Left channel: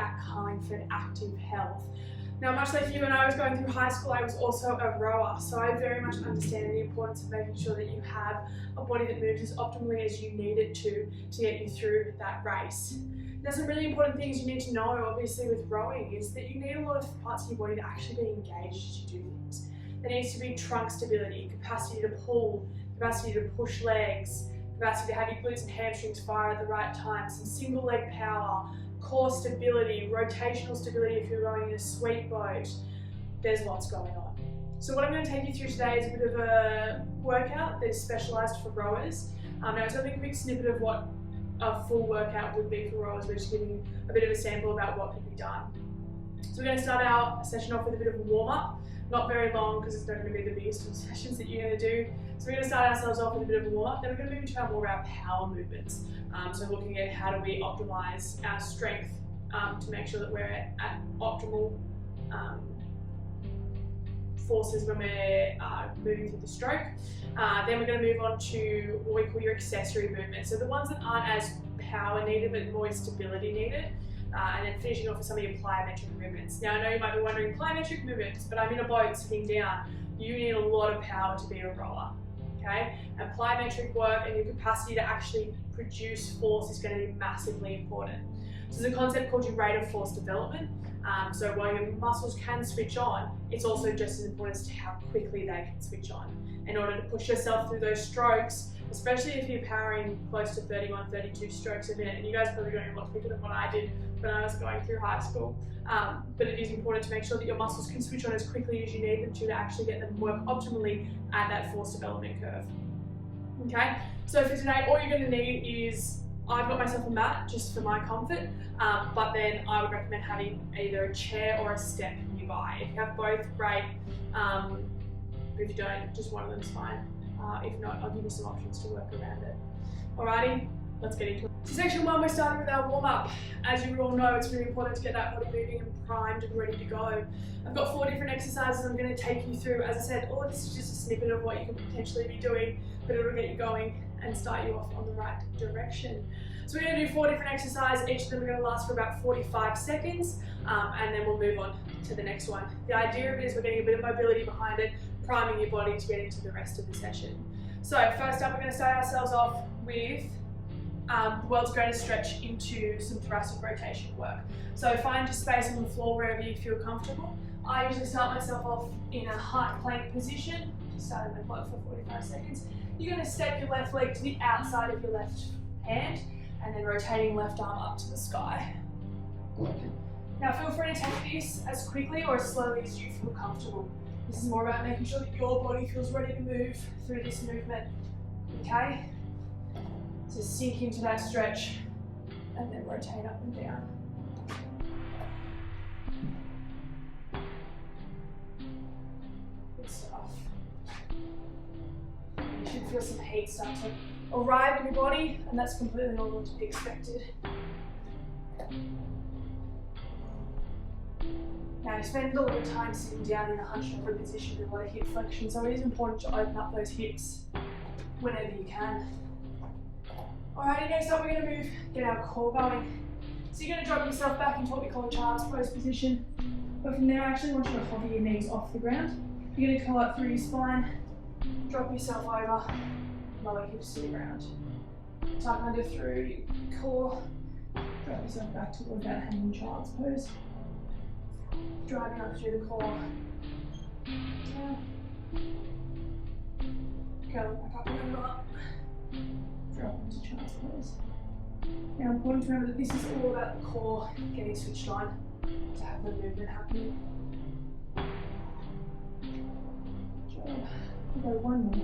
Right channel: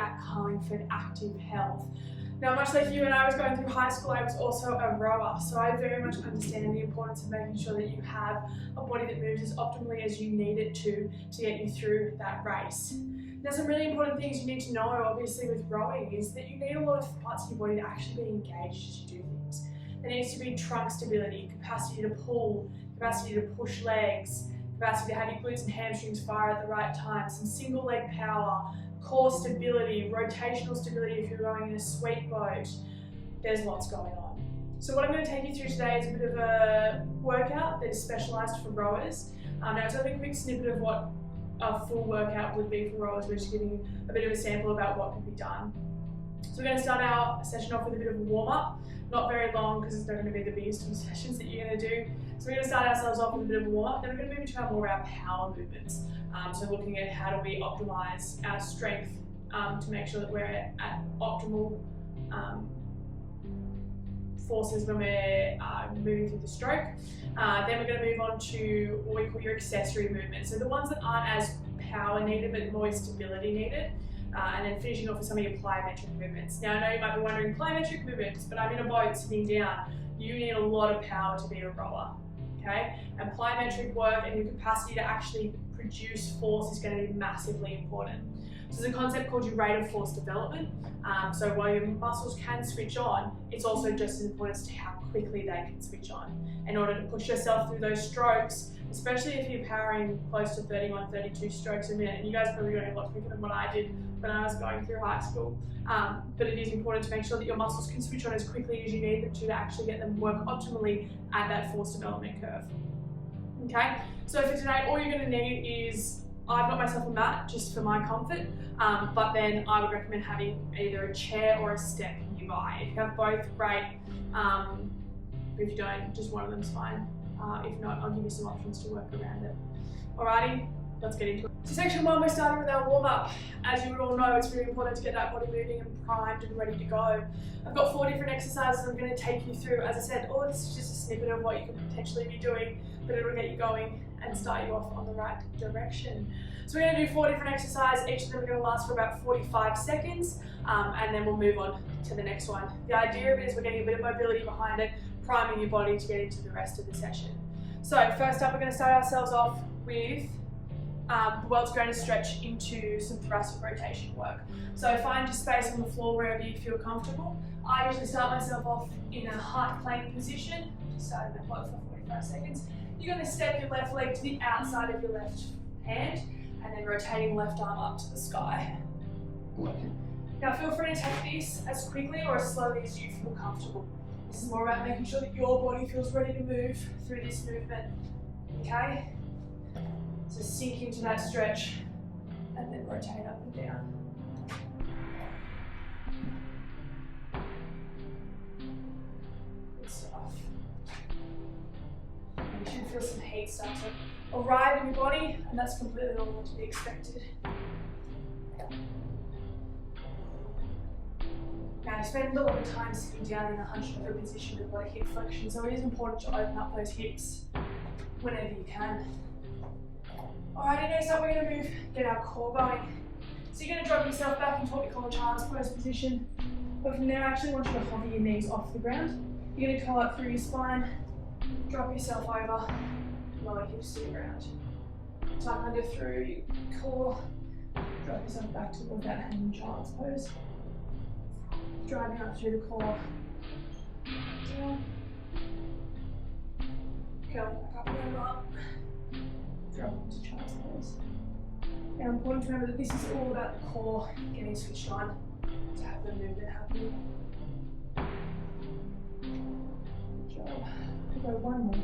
at Carlingford Active Health. Now, much like you, when I was going through high school, I was also a rower, so I very much understand the importance of making sure that you have a body that moves as optimally as you need it to get you through that race. Now, some really important things you need to know, obviously, with rowing is that you need a lot of parts of your body to actually be engaged as you do things. There needs to be trunk stability, capacity to pull, capacity to push legs, capacity to have your glutes and hamstrings fire at the right time, some single leg power, core stability, rotational stability if you're rowing in a sweep boat. There's lots going on. So what I'm going to take you through today is a bit of a workout that is specialised for rowers. Now it's only a quick snippet of what a full workout would be for rowers. We're just giving a bit of a sample about what can be done. So we're going to start our session off with a bit of a warm-up. Not very long because it's not going to be the biggest of sessions that you're going to do. So we're going to start ourselves off with a bit of a warm-up, then we're going to move into more of our power movements. So looking at how do we optimise our strength to make sure that we're at optimal forces when we're moving through the stroke. Then we're going to move on to what we call your accessory movements. So the ones that aren't as power needed but more stability needed. And then finishing off with some of your plyometric movements. Now I know you might be wondering, plyometric movements, but I'm in a boat sitting down. You need a lot of power to be a rower, okay? And plyometric work and your capacity to actually produce force is going to be massively important. So there's a concept called your rate of force development. So while your muscles can switch on, it's also just as important as to how quickly they can switch on. In order to push yourself through those strokes, especially if you're powering close to 31, 32 strokes a minute, and you guys are probably going a lot quicker than what I did when I was going through high school. But it is important to make sure that your muscles can switch on as quickly as you need them to actually get them work optimally at that force development curve. Okay, so for today, all you're going to need is, I've got myself a mat just for my comfort, but then I would recommend having either a chair or a step nearby. If you have both, great. But if you don't, just one of them's fine. If not, I'll give you some options to work around it. Alrighty, let's get into it. So section 1, we're starting with our warm-up. As you all know, it's really important to get that body moving and primed and ready to go. I've got 4 different exercises I'm going to take you through. As I said, all of this is just a snippet of what you could potentially be doing, but it'll get you going and start you off on the right direction. So we're going to do 4 different exercises. Each of them are going to last for about 45 seconds, and then we'll move on to the next one. The idea of it is we're getting a bit of mobility behind it, priming your body to get into the rest of the session. So first up, we're going to start ourselves off with the world's greatest stretch into some thoracic rotation work. So find your space on the floor wherever you feel comfortable. I usually start myself off in a high plank position, starting my float for 45 seconds. You're going to step your left leg to the outside of your left hand and then rotating left arm up to the sky. Now feel free to take this as quickly or as slowly as you feel comfortable. This is more about making sure that your body feels ready to move through this movement, okay? So sink into that stretch and then rotate up and down. Good stuff. You should feel some heat start to arrive in your body, and that's completely normal to be expected. Now you spend a lot of time sitting down in a hunched over position with a lot of hip flexion, so it is important to open up those hips whenever you can. Alrighty, next up we're going to get our core going. So you're going to drop yourself back into what we call a child's pose position, but from there I actually want you to hover your knees off the ground. You're going to curl up through your spine, drop yourself over, lower hips to the ground. Tuck under through your core, drop yourself back toward that hanging child's pose. Driving up through the core, down, curling back up and over up, drop into child's pose. Now important to remember that this is all about the core getting switched on to have the movement happening. Good job. We'll go one more.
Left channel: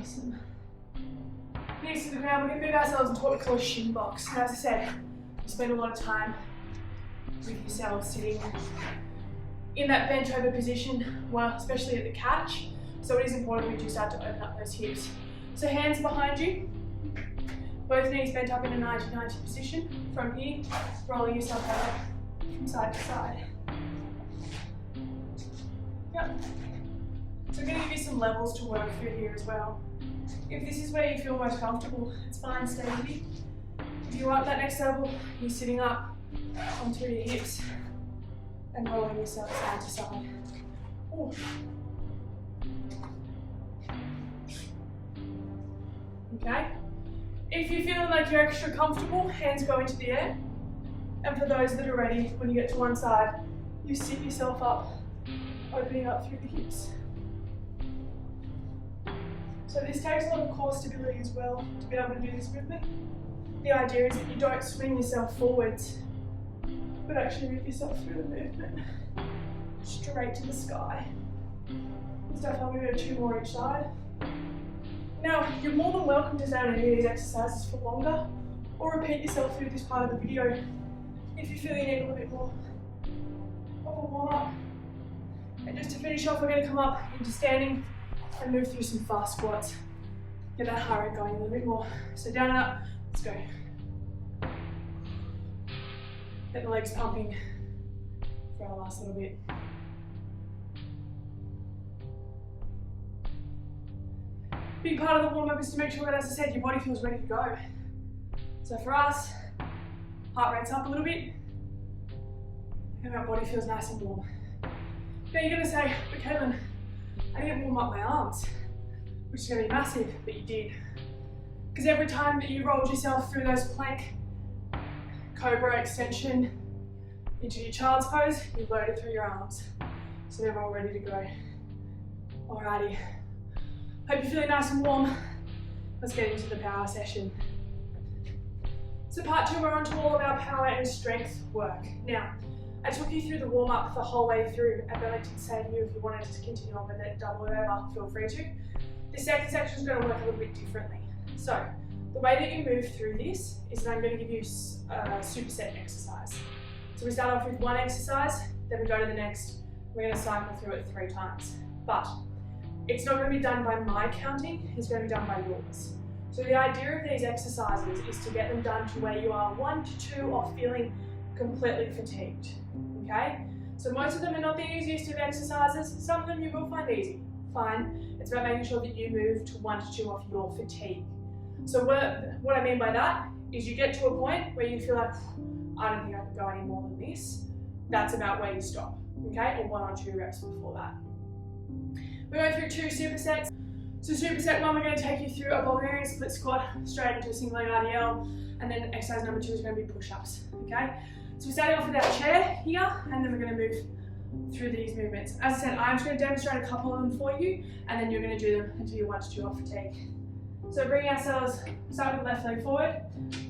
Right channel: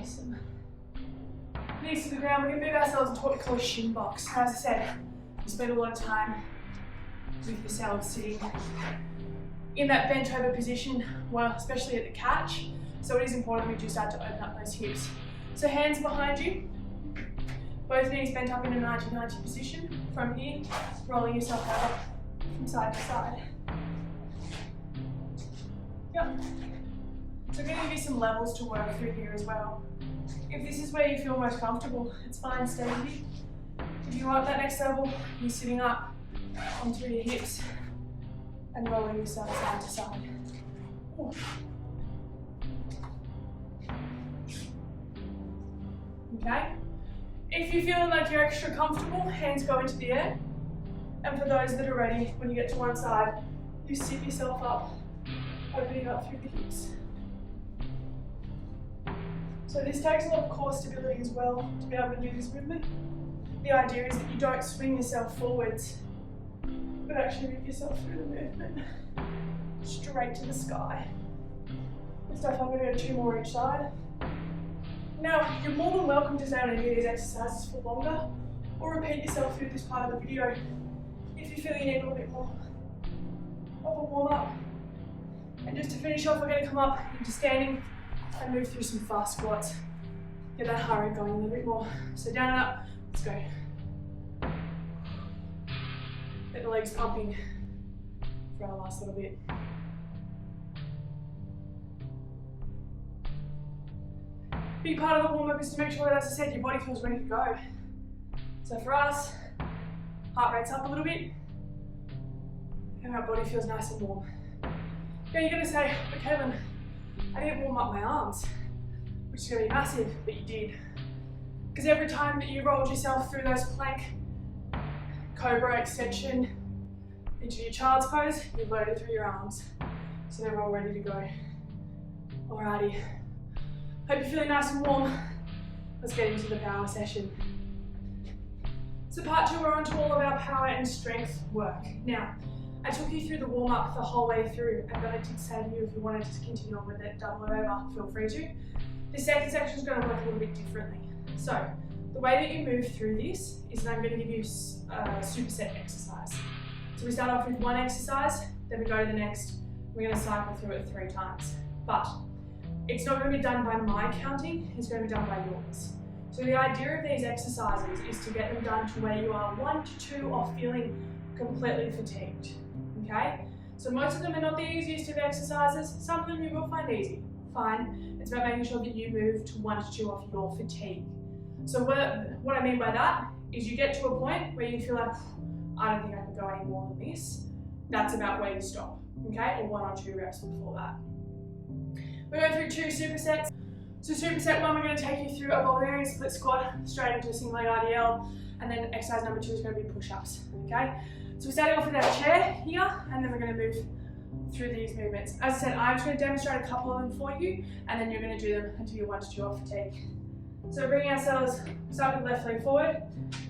Awesome. Knees to the ground, we're going to move ourselves into what we call a shin box. Now, as I said, you spend a lot of time with yourselves sitting in that bent over position, well, especially at the catch. So it is important we do start to open up those hips. So hands behind you, both knees bent up in a 90-90 position. From here, rolling yourself out from side to side. Yep. So I'm going to give you some levels to work through here as well. If this is where you feel most comfortable, it's fine, stay here. If you want that next level, you're sitting up onto your hips and rolling yourself side to side. Ooh. Okay? If you're feeling like you're extra comfortable, hands go into the air. And for those that are ready, when you get to one side, you sit yourself up, opening up through the hips. So this takes a lot of core stability as well to be able to do this movement. The idea is that you don't swing yourself forwards, but actually move yourself through the movement, straight to the sky. Good stuff. I'm going to do 2 more each side. Now, you're more than welcome to stay on any of these exercises for longer, or repeat yourself through this part of the video if you feel you need a little bit more of a warm up. And just to finish off, we're going to come up into standing and move through some fast squats. Get that heart rate going a little bit more. So down and up, let's go. Get the legs pumping for our last little bit. Big part of the warm up is to make sure that, as I said, your body feels ready to go. So for us, heart rate's up a little bit, and our body feels nice and warm. Now you're going to say, but Caitlin, I didn't warm up my arms, which is going to be massive, but you did. Because every time that you rolled yourself through those plank, cobra extension into your child's pose, you loaded through your arms. So they're all ready to go. Alrighty. Hope you're feeling nice and warm. Let's get into the power session. So part 2, we're on to all of our power and strength work. Now, I took you through the warm up the whole way through, and then I did say to you, if you wanted to continue on with it, double it over, feel free to. The second section is going to work a little bit differently. So, the way that you move through this is that I'm going to give you a superset exercise. So we start off with one exercise, then we go to the next, we're going to cycle through it 3 times. But it's not going to be done by my counting, it's going to be done by yours. So the idea of these exercises is to get them done to where you are 1 to 2 off feeling completely fatigued. Okay? So most of them are not the easiest of exercises, some of them you will find easy. Fine. It's about making sure that you move to 1 to 2 off your fatigue. So what I mean by that is you get to a point where you feel like, I don't think I can go any more than this. That's about where you stop. Okay? Or 1 or 2 reps before that. We're going through 2 supersets. So superset 1, we're going to take you through a Bulgarian split squat straight into a single leg RDL, and then exercise number 2 is going to be push-ups. Okay? So we're starting off with our chair here, and then we're going to move through these movements. As I said, I'm just going to demonstrate a couple of them for you, and then you're going to do them until you're 1 to 2 off fatigue. So bringing ourselves, start with left leg forward,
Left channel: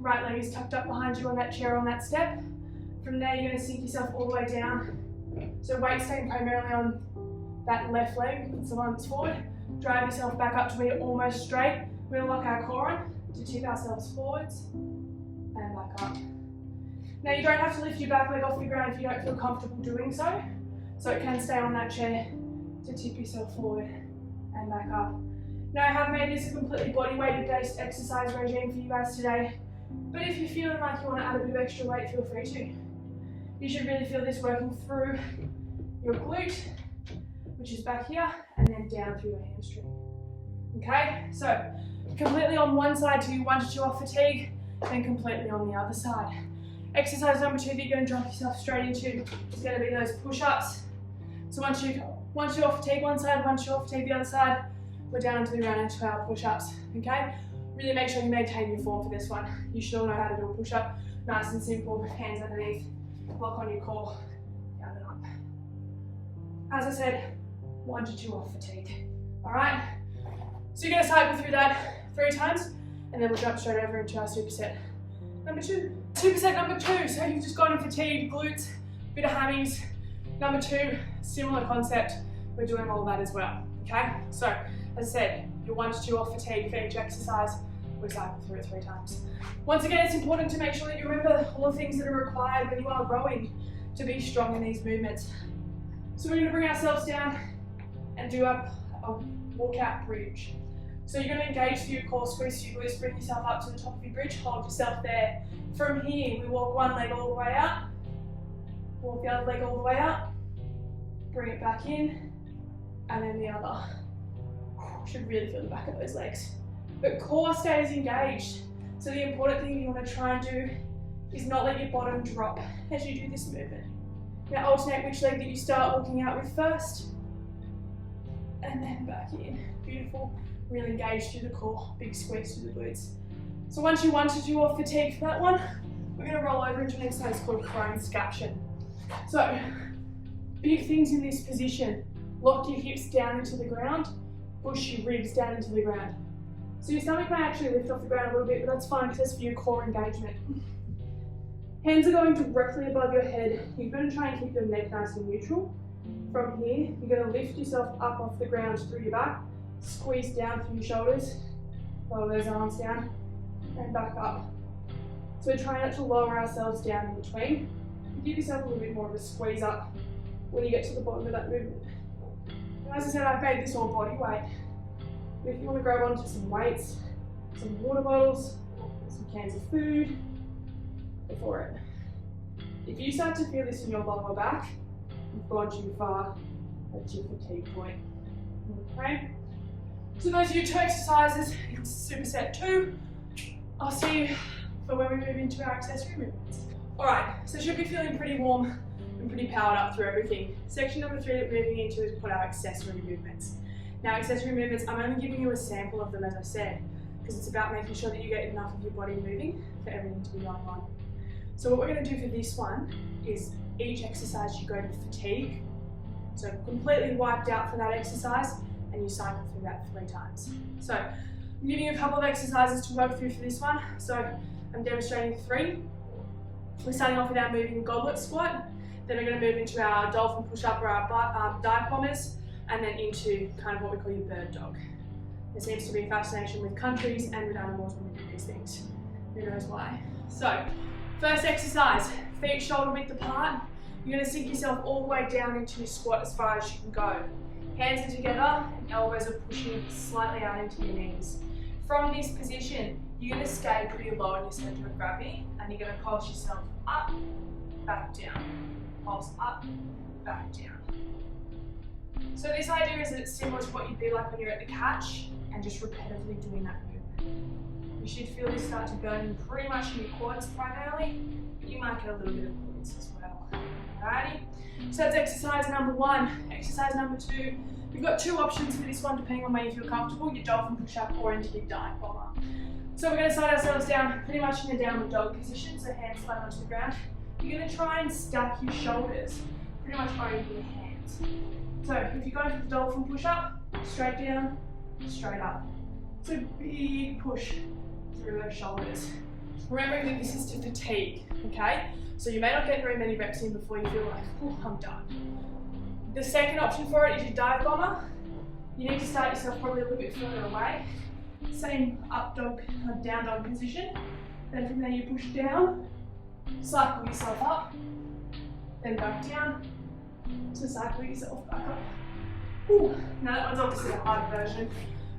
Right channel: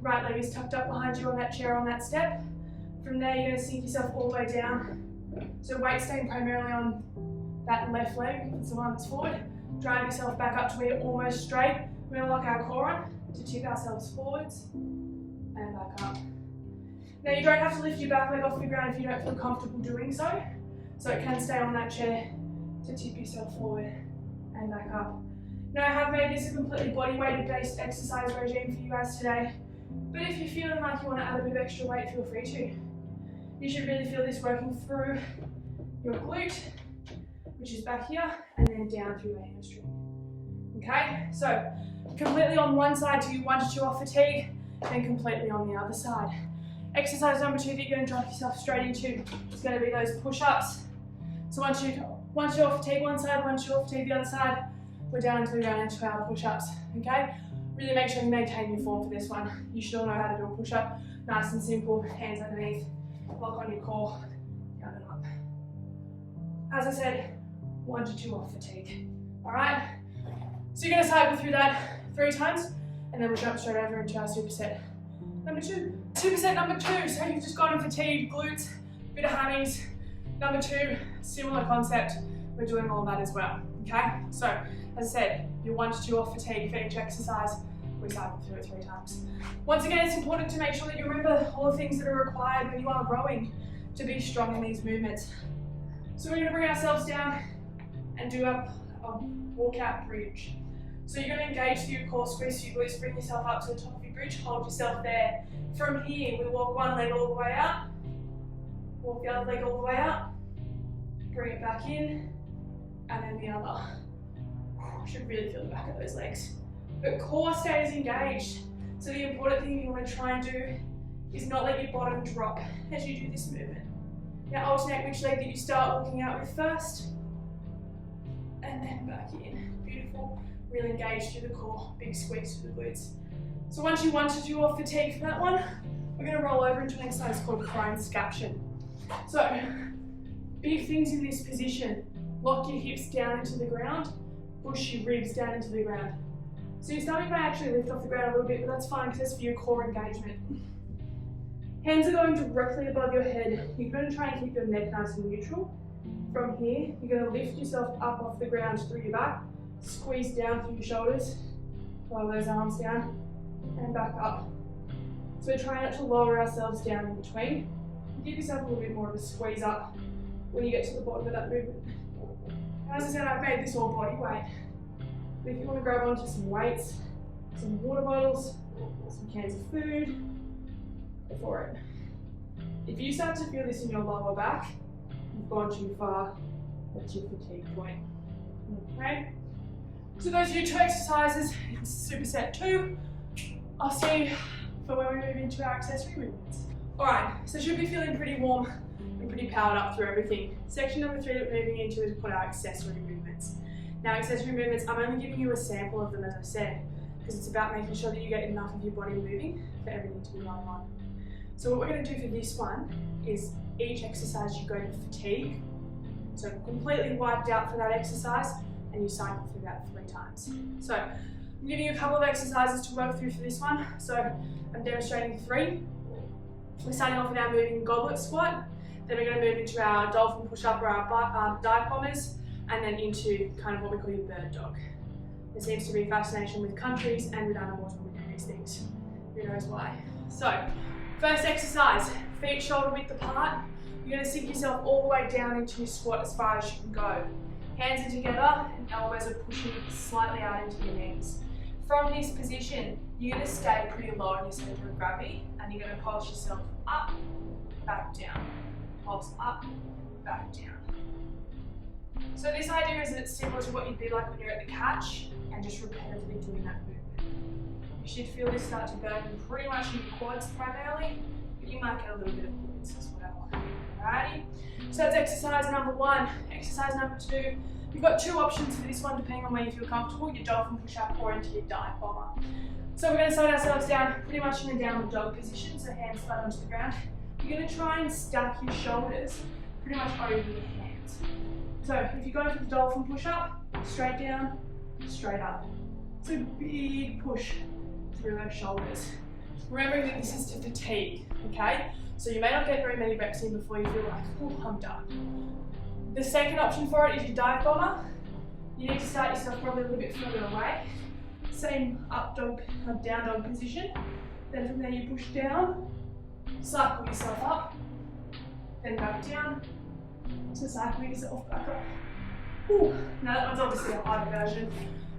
right leg is tucked up behind you on that chair on that step. From there, you're going to sink yourself all the way down. So weight staying primarily on that left leg, it's the one that's forward. Drive yourself back up to where you're almost straight. We're going to lock our core on to tip ourselves forwards and back up. Now you don't have to lift your back leg off the ground if you don't feel comfortable doing so. So it can stay on that chair to tip yourself forward and back up. Now I have made this a completely body weight based exercise regime for you guys today. But if you're feeling like you want to add a bit of extra weight, feel free to. You should really feel this working through your glute, which is back here, and then down through your hamstring. Okay, so completely on one side till you 1 to 2 off fatigue, and completely on the other side. Exercise number 2 that you're going to drop yourself straight into is going to be those push-ups. So once you off fatigue one side, 1 to 2 off fatigue the other side, we're down into the ground into our push-ups. Okay, really make sure you maintain your form for this one. You should all know how to do a push-up, nice and simple, hands underneath, lock on your core, down and up. As I said, 1 to 2 off fatigue. Alright? So you're going to cycle through that 3 times, and then we'll jump straight over into our superset number 2. Superset number 2, so you've just gone in fatigued, glutes, bit of hammies. Number 2, similar concept, we're doing all that as well. Okay? So, as I said, you're 1 to 2 off fatigue for each exercise, we cycle through it 3 times. Once again, it's important to make sure that you remember all the things that are required when you are rowing to be strong in these movements. So we're going to bring ourselves down and do a walkout bridge. So you're going to engage through your core, squeeze your glutes, bring yourself up to the top of your bridge, hold yourself there. From here, we walk one leg all the way out, walk the other leg all the way out, bring it back in, and then the other. Should really feel the back of those legs. but core stays engaged. So the important thing you want to try and do is not let your bottom drop as you do this movement. Now alternate which leg that you start walking out with first, and then back in. Beautiful, really engaged through the core, big squeeze through the glutes. So once you 1 to 2 off fatigue for that one, we're going to roll over into an exercise called prone scaption. So big things in this position: lock your hips down into the ground, push your ribs down into the ground. So your stomach may actually lift off the ground a little bit, but that's fine because that's for your core engagement. Hands are going directly above your head. You're going to try and keep your neck nice and neutral. From here, you're going to lift yourself up off the ground through your back, squeeze down through your shoulders, lower those arms down, and back up. So we're trying not to lower ourselves down in between. Give yourself a little bit more of a squeeze up when you get to the bottom of that movement. And as I said, I've made this all body weight. But if you want to grab onto some weights, some water bottles, some cans of food, go for it. If you start to feel this in your lower back, you've gone too far. That's your fatigue point. Okay? So those are your 2 exercises in superset 2. I'll see you for when we move into our accessory movements. Alright, so should be feeling pretty warm and pretty powered up through everything. Section number 3 that we're moving into is called our accessory movements. Now accessory movements, I'm only giving you a sample of them as I said, because it's about making sure that you get enough of your body moving for everything to be going on. So what we're going to do for this one is each exercise you go to fatigue, so completely wiped out for that exercise, and you cycle through that 3 times. So I'm giving you a couple of exercises to work through for this one. So I'm demonstrating 3. We're starting off with our moving goblet squat, then we're going to move into our dolphin push up or our dive bombers, and then into kind of what we call your bird dog. There seems to be a fascination with countries and with animals when we do these things. Who knows why? So, first exercise, feet shoulder width apart. You're going to sink yourself all the way down into your squat as far as you can go. Hands are together and elbows are pushing slightly out into your knees. From this position, you're going to stay pretty low in your center of gravity, and you're going to pulse yourself up, back down. Pulse up, back down. So this idea is that it's similar to what you'd be like when you're at the catch and just repetitively doing that movement. You should feel this start to burn pretty much in your quads primarily, but you might get a little bit of glutes as well. Alrighty, so that's exercise number 1. Exercise number 2, you've got 2 options for this one depending on where you feel comfortable, your dolphin push up or into your dive bomber. So we're going to slide ourselves down pretty much in the downward dog position, so hands flat onto the ground. You're going to try and stack your shoulders pretty much over your hands. So if you're going for the dolphin push up, straight down, straight up. So big push through those shoulders. Remembering that this is to fatigue, okay? So you may not get very many reps in before you feel like, oh, I'm done. The second option for it is your dive bomber. You need to start yourself probably a little bit further away. Same up dog, down dog position. Then from there you push down, cycle yourself up, then back down. So cycle yourself back up. Ooh. Now that one's obviously a harder version,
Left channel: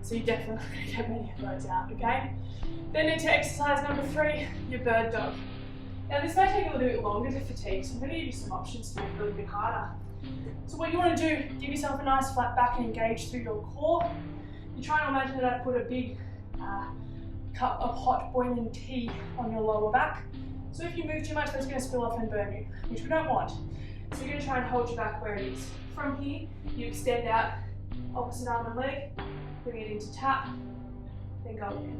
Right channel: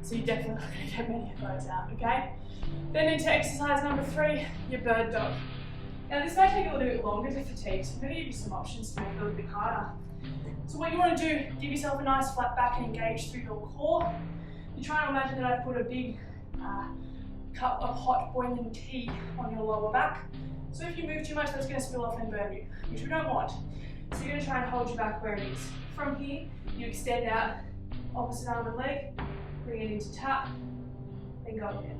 so you're definitely not going to get many of those out, okay? Then into exercise number 3, your bird dog. Now this may take a little bit longer to fatigue, so I'm going to give you some options to make it a little bit harder. So what you want to do, give yourself a nice flat back and engage through your core. You're trying to imagine that I've put a big cup of hot boiling tea on your lower back. So if you move too much, that's going to spill off and burn you, which we don't want. So you're going to try and hold your back where it is. From here, you extend out opposite arm and leg, bring it into tap, then go again.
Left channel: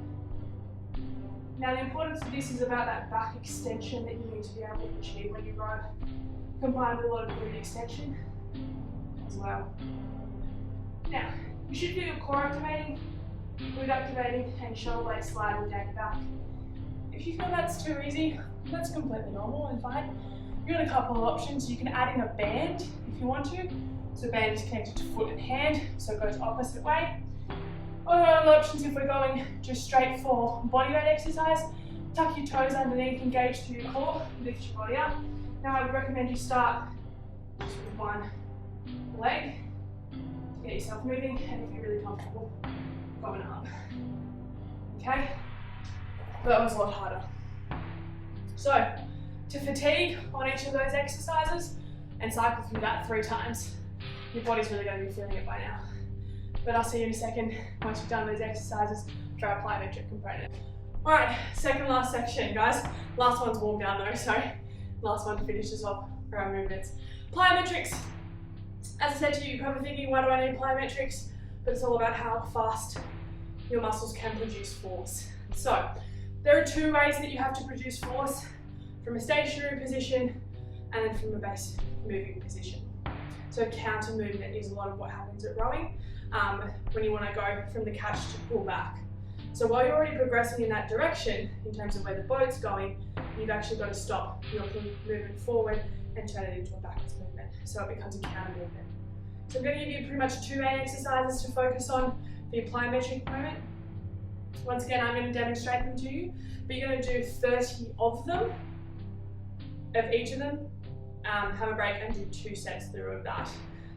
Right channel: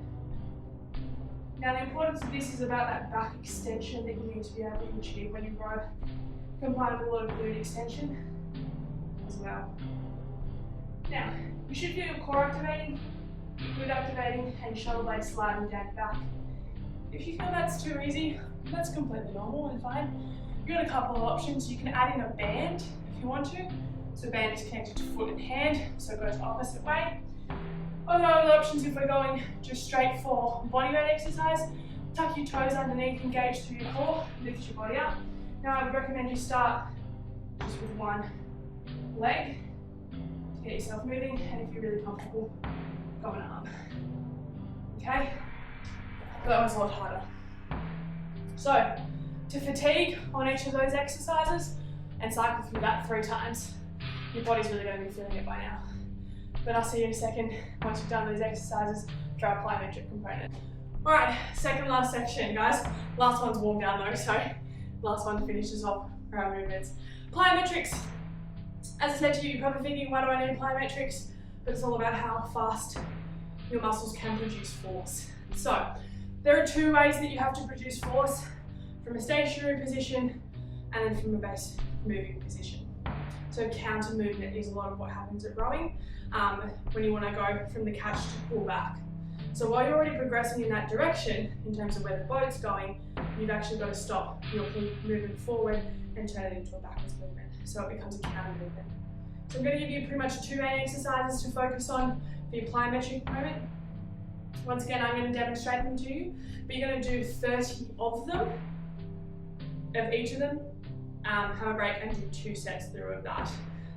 Now the importance of this is about that back extension that you need to be able to achieve when you row, combined with a lot of glute extension as well. Now, you should feel your core activating, glute activating, and shoulder blades sliding down your back. If you feel that's too easy, that's completely normal and fine. You've got a couple of options. You can add in a band if you want to. So band is connected to foot and hand, so it goes opposite way. Other options, if we're going just straight for bodyweight exercise, tuck your toes underneath, engage through your core, lift your body up. Now I would recommend you start just with one leg to get yourself moving, and if you're really comfortable, go an arm. Okay? But that was a lot harder. So, to fatigue on each of those exercises and cycle through that 3 times, your body's really going to be feeling it by now. But I'll see you in a second once you've done those exercises for our plyometric component. Alright, second last section, guys. Last one's warm down though, so last one finishes off for our movements. Plyometrics. As I said to you, you're probably thinking, why do I need plyometrics? But it's all about how fast your muscles can produce force. So, there are two ways that you have to produce force, from a stationary position and then from a base moving position. So counter movement is a lot of what happens at rowing when you want to go from the catch to pull back. So while you're already progressing in that direction, in terms of where the boat's going, you've actually got to stop your movement forward and turn it into a backwards movement. So it becomes a counter movement. So I'm going to give you pretty much two main exercises to focus on for your plyometric movement. Once again, I'm going to demonstrate them to you, but you're going to do 30 of them, of each of them, have a break and do 2 sets through of that.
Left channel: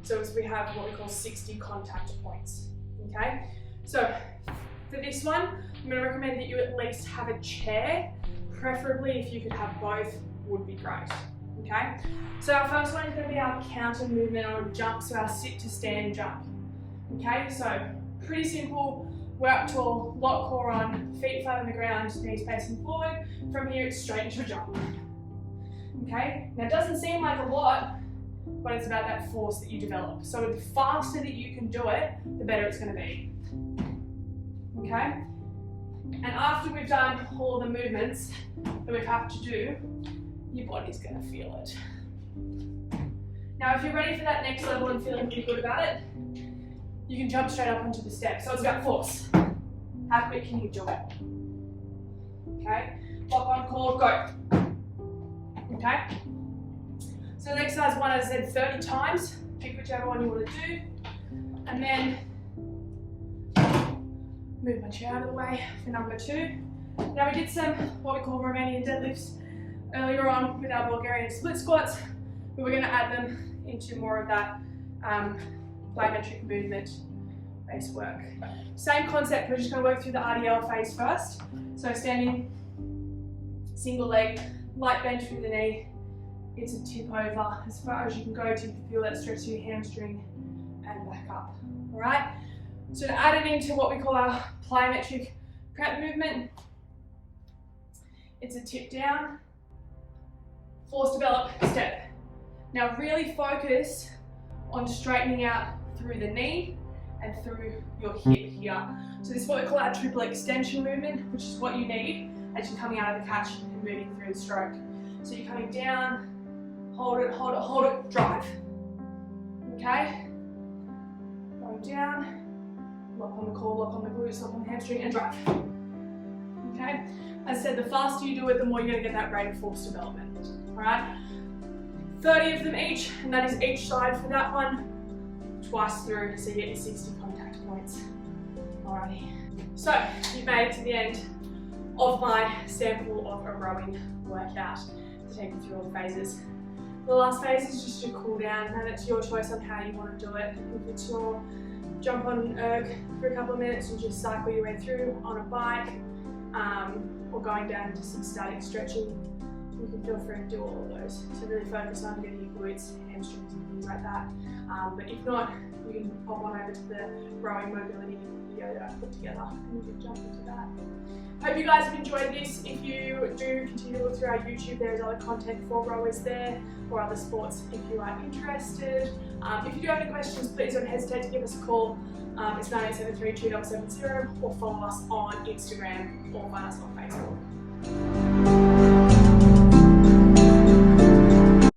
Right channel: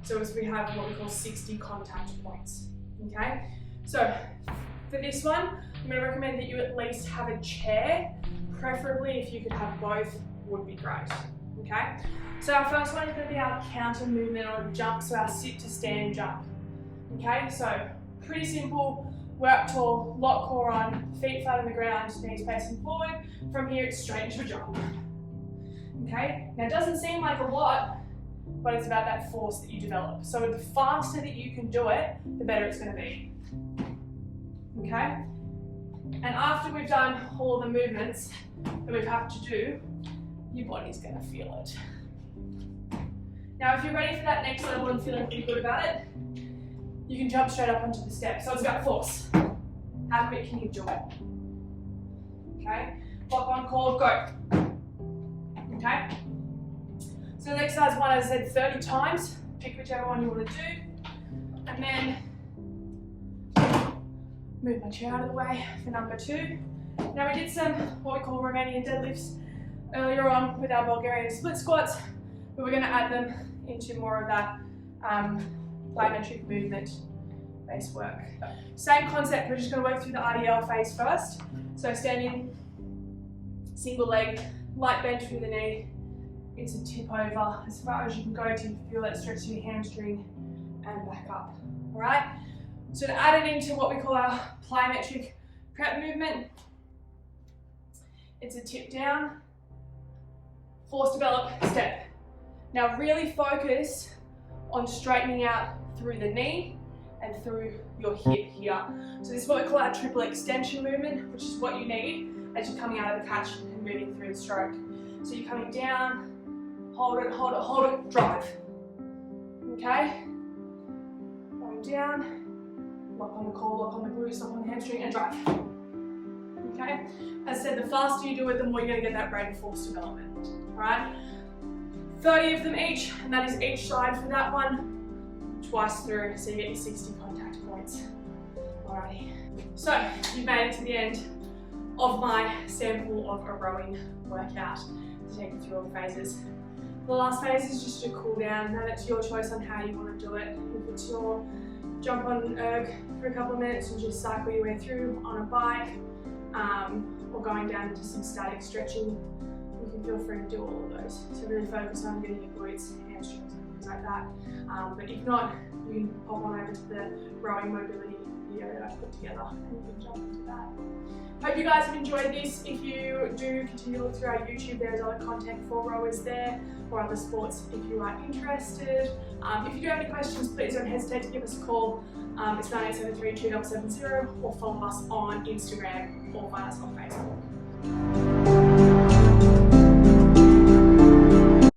So as we have what we call 60 contact points, okay? So for this one, I'm going to recommend that you at least have a chair, preferably if you could have both, would be great, okay? So our first one is going to be our counter movement or jump, so our sit to stand jump, okay? So pretty simple, we're up tall, lock core on, feet flat on the ground, knees facing forward. From here, it's straight into a jump. Okay, now it doesn't seem like a lot, but it's about that force that you develop. So the faster that you can do it, the better it's going to be. Okay, and after we've done all the movements that we have to do, your body's going to feel it. Now if you're ready for that next level and feeling pretty good about it, you can jump straight up onto the step. So it's about force. How quick can you do it? Okay, lock on, call, go. Okay, so exercise one, as I said, 30 times. Pick whichever one you want to do. And then move my chair out of the way for number 2. Now we did some what we call Romanian deadlifts earlier on with our Bulgarian split squats, but we're going to add them into more of that plyometric movement based work. Same concept, we're just going to work through the RDL phase first. So standing, single leg, light bend through the knee, it's a tip over as far as you can go to feel that stretch to your hamstring and back up. Alright, so to add it into what we call our plyometric prep movement, it's a tip down, force develop, step. Now really focus on straightening out through the knee and through your hip here. So this is what we call our triple extension movement, which is what you need as you're coming out of the catch and moving through the stroke. So you're coming down, hold it, hold it, hold it, drive. Okay? Going down, lock on the core, lock on the glutes, lock on the hamstring, and drive. Okay? As I said, the faster you do it, the more you're going to get that rate of force development. Alright? 30 of them each, and that is each side for that one, twice through, so you get your 60 contact points. Alrighty. So, you've made it to the end of my sample of a rowing workout to take you through all the phases. The last phase is just a cool down, and it's your choice on how you want to do it. If it's your jump on an erg for a couple of minutes and just cycle your way through on a bike, or going down into some static stretching, you can feel free to do all of those. So really focus on getting your glutes, hamstrings and things like that. But if not, you can pop on over to the rowing mobility video that I've put together and you can jump into that. Hope you guys have enjoyed this. If you do, continue to look through our YouTube. There's other content for rowers there or other sports if you are interested. If you do have any questions, please don't hesitate to give us a call. It's 9873 2770 or follow us on Instagram or find us on Facebook.